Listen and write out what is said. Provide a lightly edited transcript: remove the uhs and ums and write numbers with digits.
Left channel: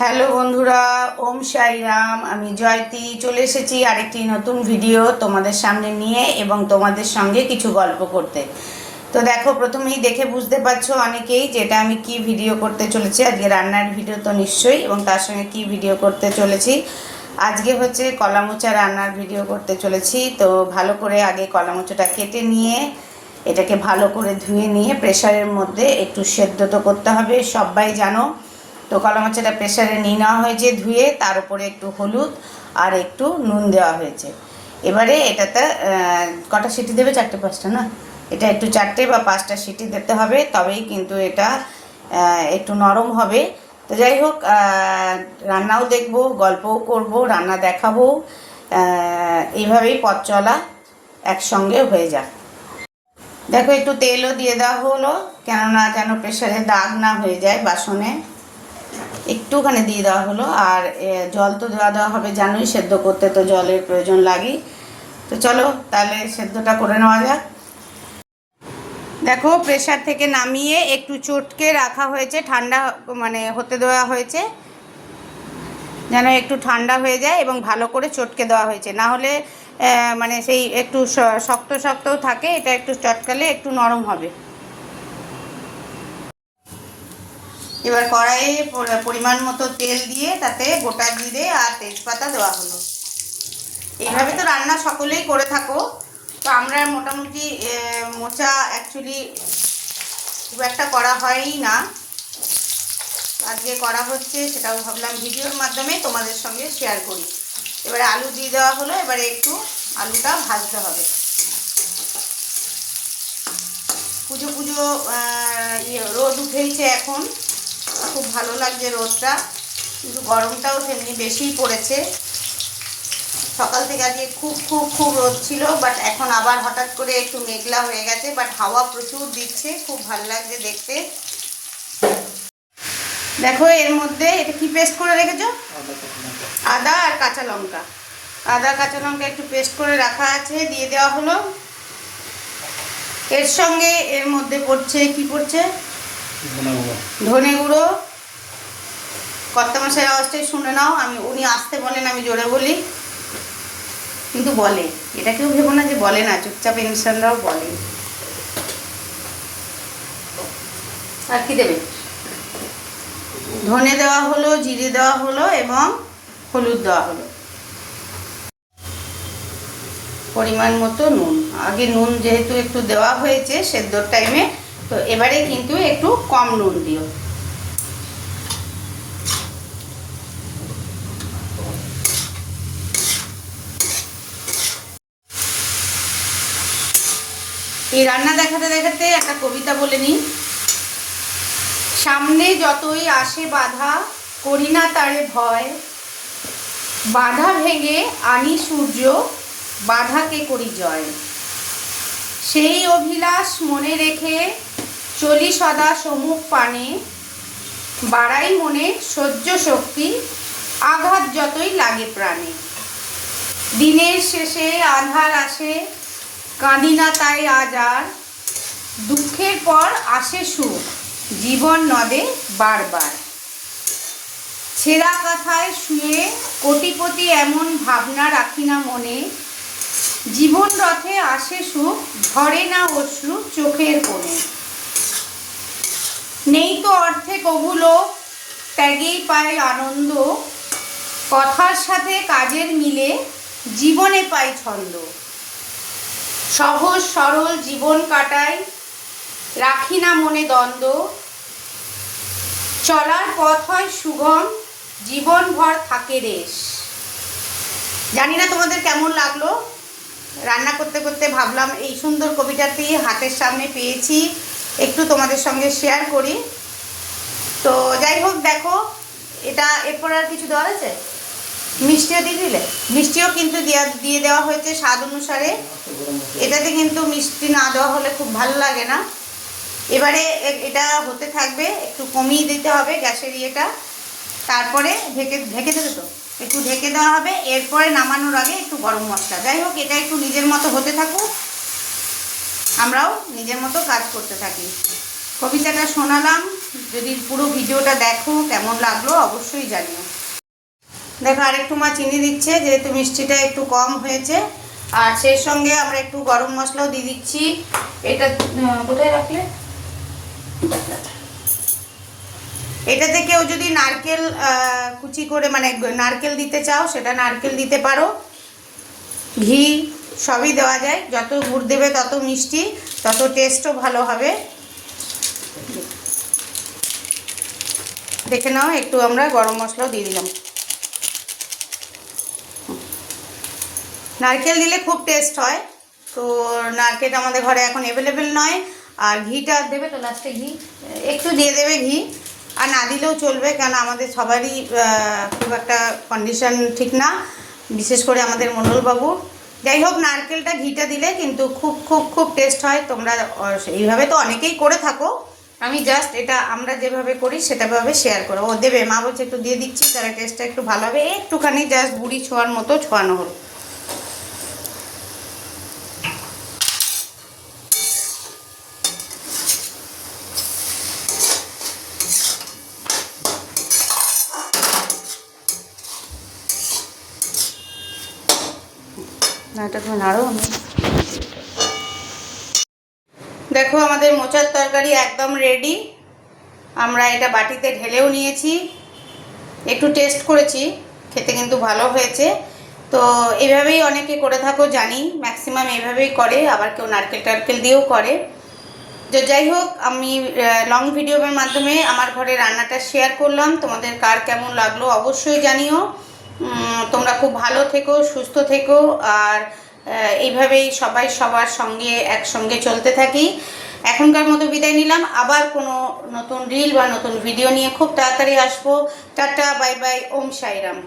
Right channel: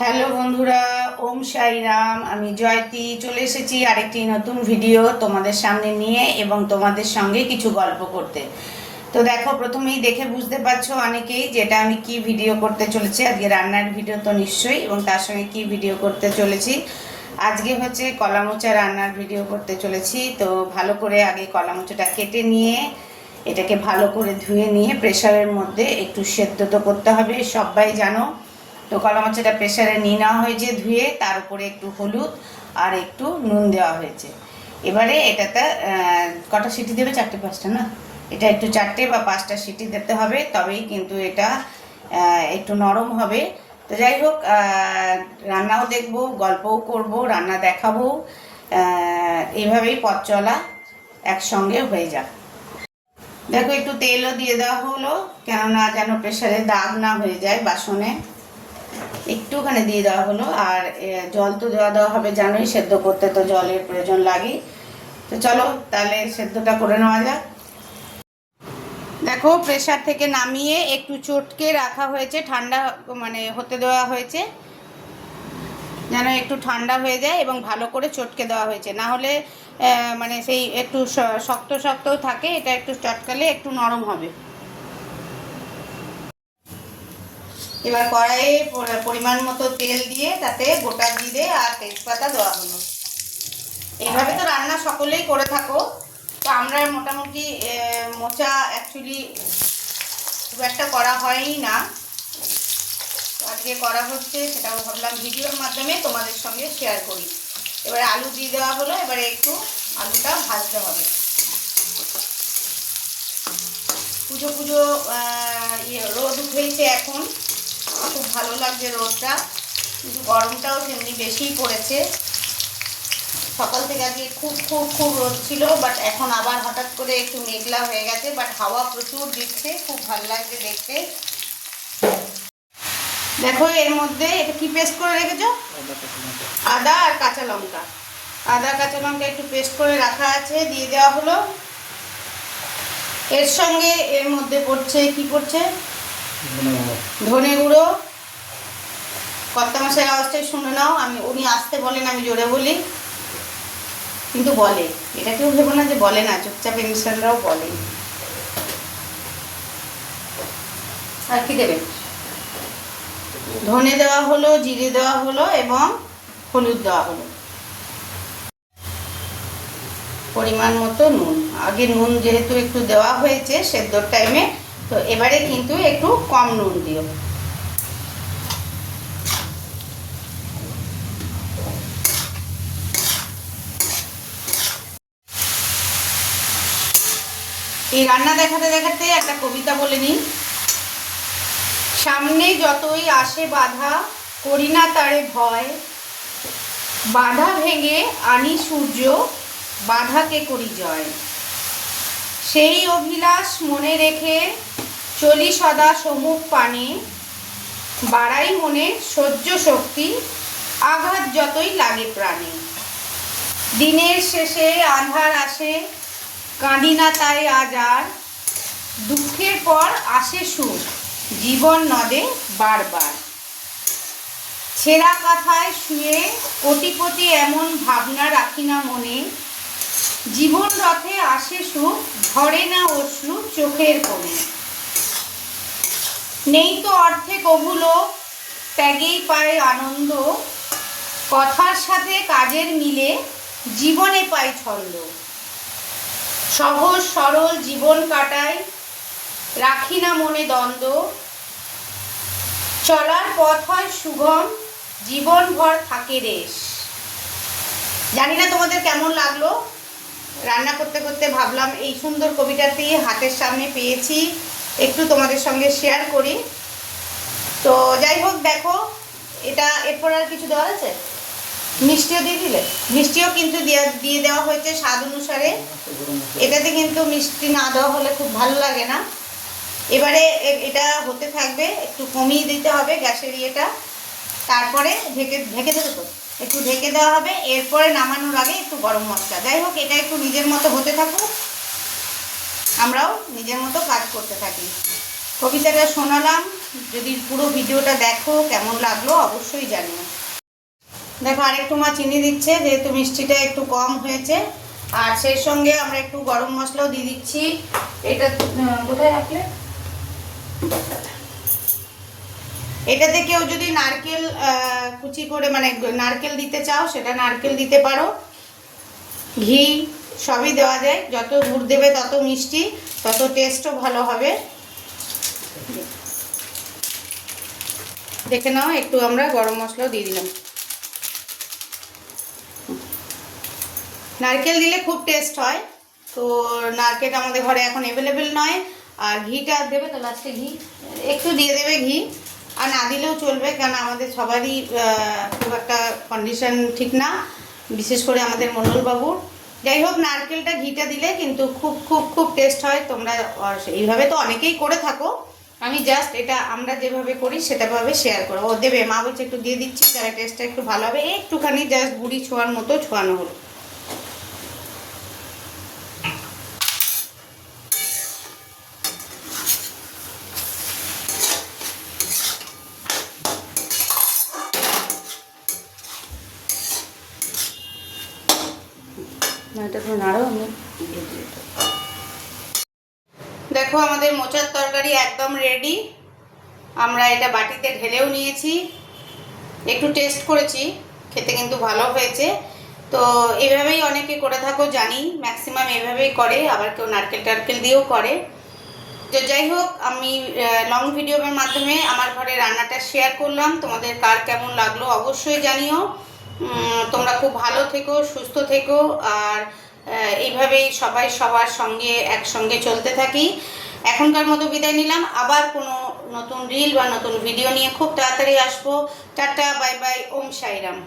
Hello বন্ধুরা, ওম সাই রাম। আমি জয়তি চলে এসেছি আরেকটি নতুন ভিডিও তোমাদের সামনে নিয়ে এবং তোমাদের সঙ্গে কিছু গল্প করতে। তো দেখো, প্রথমেই দেখে বুঝতে পারছো অনেকেই যেটা আমি কি ভিডিও করতে চলেছি। আজকে রান্নার ভিডিও তো নিশ্চয়ই, এবং তার সঙ্গে কি ভিডিও করতে চলেছি। আজকে হচ্ছে কলা মোচা রান্নার ভিডিও করতে চলেছি। তো ভালো করে আগে কলা মোচাটা কেটে নিয়ে এটাকে ভালো করে ধুয়ে নিয়ে প্রেসারের মধ্যে একটু সেদ্ধ তো করতে হবে, সবাই জানো। তো কলা মোচাটা প্রেসারে নিয়ে নেওয়া হয়েছে ধুয়ে, তার উপরে একটু হলুদ আর একটু নুন দেওয়া হয়েছে। এবারে এটাতে কটা সিটি দেবে? 4-5টা না, এটা একটু 4টে বা 5টা সিটি দিতে হবে, তবেই কিন্তু এটা একটু নরম হবে। তো যাই হোক, রান্নাও দেখবো, গল্পও করব, রান্না দেখাবো, এইভাবেই পথ চলা একসঙ্গে হয়ে যাক। দেখো, একটু তেলও দিয়ে দেওয়া হলো, কেননা যেন প্রেসারে দাগ না হয়ে যায় বাসনে। একটুখানি দিয়ে দেওয়া হলো। আর জল তো দেওয়া হবে, জানোই সেদ্ধ করতে তো জলের প্রয়োজন লাগে। তো চলো তাহলে সেদ্ধটা করে নেওয়া যাক। দেখো, প্রেসার থেকে নামিয়ে একটু চটকে রাখা হয়েছে, ঠান্ডা মানে হতে দেওয়া হয়েছে, যেন একটু ঠান্ডা হয়ে যায়, এবং ভালো করে চটকে দেওয়া হয়েছে। না হলে মানে সেই একটু শক্ত শক্তও থাকে, এটা একটু চটকালে একটু নরম হবে। এবার কড়াইয়ে পরিমাণ মতো তেল দিয়ে তাতে গোটা জিরে আর তেজপাতা দেওয়া হলো। এইভাবে তো রান্না সকলেই করে থাকো। তো আমরা মোটামুটি মোচা অ্যাকচুয়ালি খুব একটা করা হয়ই না, আজকে করা হচ্ছে, সেটাও ভাবলাম ভিডিওর মাধ্যমে তোমাদের সঙ্গে শেয়ার করি। এবারে আলু দিয়ে দেওয়া হলো, এবারে একটু আলুটা ভাজতে হবে। পুজো পুজো রোদ উঠেছে এখন, খুব ভালো লাগছে রোদটা, কিন্তু গরমটাও তেমনি বেশিই পড়েছে। সকাল থেকে আজকে খুব খুব খুব রোদ ছিল, বাট এখন আবার হঠাৎ করে একটু মেঘলা হয়ে গেছে, বাট হাওয়া প্রচুর দিচ্ছে, খুব ভালো লাগছে দেখতে। দেখো, এর মধ্যে এটা কি পেস্ট করে রেখেছো? আদা আর কাঁচা লঙ্কা। আদা কাঁচা লঙ্কা একটু পেস্ট করে রাখা আছে, দিয়ে দেওয়া হলো। এর সঙ্গে এর মধ্যে পড়ছে, কি পড়ছে? ধনে গুঁড়ো। কর্তামশাই আওয়াজটাই শুনে নাও, উনি আসতে বলেন, আমি জোরে বলি, কিন্তু বলে। এটা কেউ ভেবো না যে বলে না, চুপচাপ ইনস্ট্যান্টরাও বলে। আর কি দেবে? ধনে দেওয়া হলো, জিরে দেওয়া হলো এবং হলুদ দেওয়া হলো। পরিমাণ মতো নুন। আগে নুন যেহেতু একটু দেওয়া হয়েছে সেদ্ধর টাইমে, তো এবারে কিন্তু একটু কম নুন দিও। এই রান্না দেখাতে দেখাতে একটা কবিতা বলে নিই। সামনে যতই আসে বাধা, করি না তারে ভয়, বাধা ভেঙে আনি সূর্য, বাধাকে করি জয়। সেই অভিলাষ মনে রেখে চলি সদা সম্মুখ পানে, বাড়াই মনে সহ্য শক্তি, আঘাত যতই লাগে প্রাণে। দিনের শেষে আঁধার আসে, কাঁদি না তাই আজ আর, দুঃখের পর আসে সুখ, জীবন নদে বারবার। ছেঁড়া কাঁথায় শুয়ে কোটিপতি এমন ভাবনা রাখি না মনে, জীবন রথে আসে সুখ, ঝরে না অশ্রু চোখের কোণে। নেই তো অর্থে কভু লোক, ত্যাগেই পায় আনন্দ, কথার সাথে কাজের মিলে জীবনে পাই ছন্দ। সহজ সরল জীবন কাটাই, রাখি না মনে দ্বন্দ্ব, চলার পথ হয় সুগম, জীবনভর থাকে রেশ। জানি না তোমাদের কেমন লাগলো। রান্না করতে করতে ভাবলাম এই সুন্দর কবিতাটি হাতের সামনে পেয়েছি, একটু তোমাদের সঙ্গে শেয়ার করি। তো যাই হোক, দেখো, এটা এরপর আর কিছু দেওয়া আছে? মিষ্টিও দিয়ে দিলে? মিষ্টিও কিন্তু দিয়ে দেওয়া হয়েছে স্বাদ অনুসারে। এটাতে কিন্তু মিষ্টি না দেওয়া হলে খুব ভালো লাগে না। এবারে এটা হতে থাকবে, একটু কমিয়ে দিতে হবে গ্যাসের ইয়েটা, তারপরে ঢেকে ঢেকে দেবে, তো একটু ঢেকে দেওয়া হবে। এরপরে নামানোর আগে একটু গরম মশলা। যাই হোক, এটা একটু নিজের মতো হতে থাকুক, আমরাও নিজের মতো কাজ করতে থাকি। কবিতাটা শোনালাম, যদি পুরো ভিডিওটা দেখো কেমন লাগলো অবশ্যই জানিও। দেখো আরেকটু মা চিনি দিচ্ছে, যেহেতু মিষ্টিটা একটু কম হয়েছে। আর সেই সঙ্গে আমরা একটু গরম মশলাও দিয়ে দিচ্ছি। এটা কোথায় রাখলে? এটাতে কেউ যদি নারকেল কুচি করে মানে নারকেল দিতে চাও সেটা নারকেল দিতে পারো, ঘি সবই দেওয়া যায়। যত গুড় দেবে তত মিষ্টি, তত টেস্টও ভালো হবে। দেখে নাও, একটু আমরা গরম মশলাও দিয়ে দিলাম। নারকেল দিলে খুব টেস্ট হয়, তো নারকেলটা আমাদের ঘরে এখন অ্যাভেলেবেল নয়। আর ঘিটা দেবে তো লাস্টে, ঘি একটু দিয়ে দেবে ঘি, আর না দিলেও চলবে, কারণ আমাদের সবারই খুব একটা কন্ডিশন ঠিক না, বিশেষ করে আমাদের মণ্ডলবাবুর। যাই হোক, নারকেলটা ঘিটা দিলে কিন্তু খুব খুব খুব টেস্ট হয়। তোমরা এইভাবে তো অনেকেই করে থাকো, আমি জাস্ট এটা আমরা যেভাবে করি সেটাভাবে শেয়ার করো। ও দেবে, মা বলছে একটু দিয়ে দিচ্ছি, তারা টেস্টটা একটু ভালো হবে। একটুখানি জাস্ট বুড়ি ছোঁয়ার মতো ছোঁয়ানো হলো। না, এটা তুমি নাড়ো। আমি দেখো আমাদের মোচার তরকারি একদম রেডি। আমরা এটা বাটিতে ঢেলেও নিয়েছি, একটু টেস্ট করেছি, খেতে কিন্তু ভালো হয়েছে। তো এইভাবেই অনেকে করে থাকো জানি, ম্যাক্সিমাম এইভাবেই করে, আবার কেউ নারকেল টারকেল দিয়েও করে। তো যাই হোক, আমি লং ভিডিওর মাধ্যমে আমার ঘরে রান্নাটা শেয়ার করলাম। তোমাদের কার কেমন লাগলো অবশ্যই জানিও। তোমরা খুব ভালো থেকো, সুস্থ থেকো, আর এইভাবেই সবাই সবার সঙ্গে একসঙ্গে চলতে থাকি। এখনকার মতো বিদায় নিলাম, আবার কোনো নতুন রিল বা নতুন ভিডিও নিয়ে খুব তাড়াতাড়ি আসবো। টাটা, বাই বাই, ওম সাইরাম।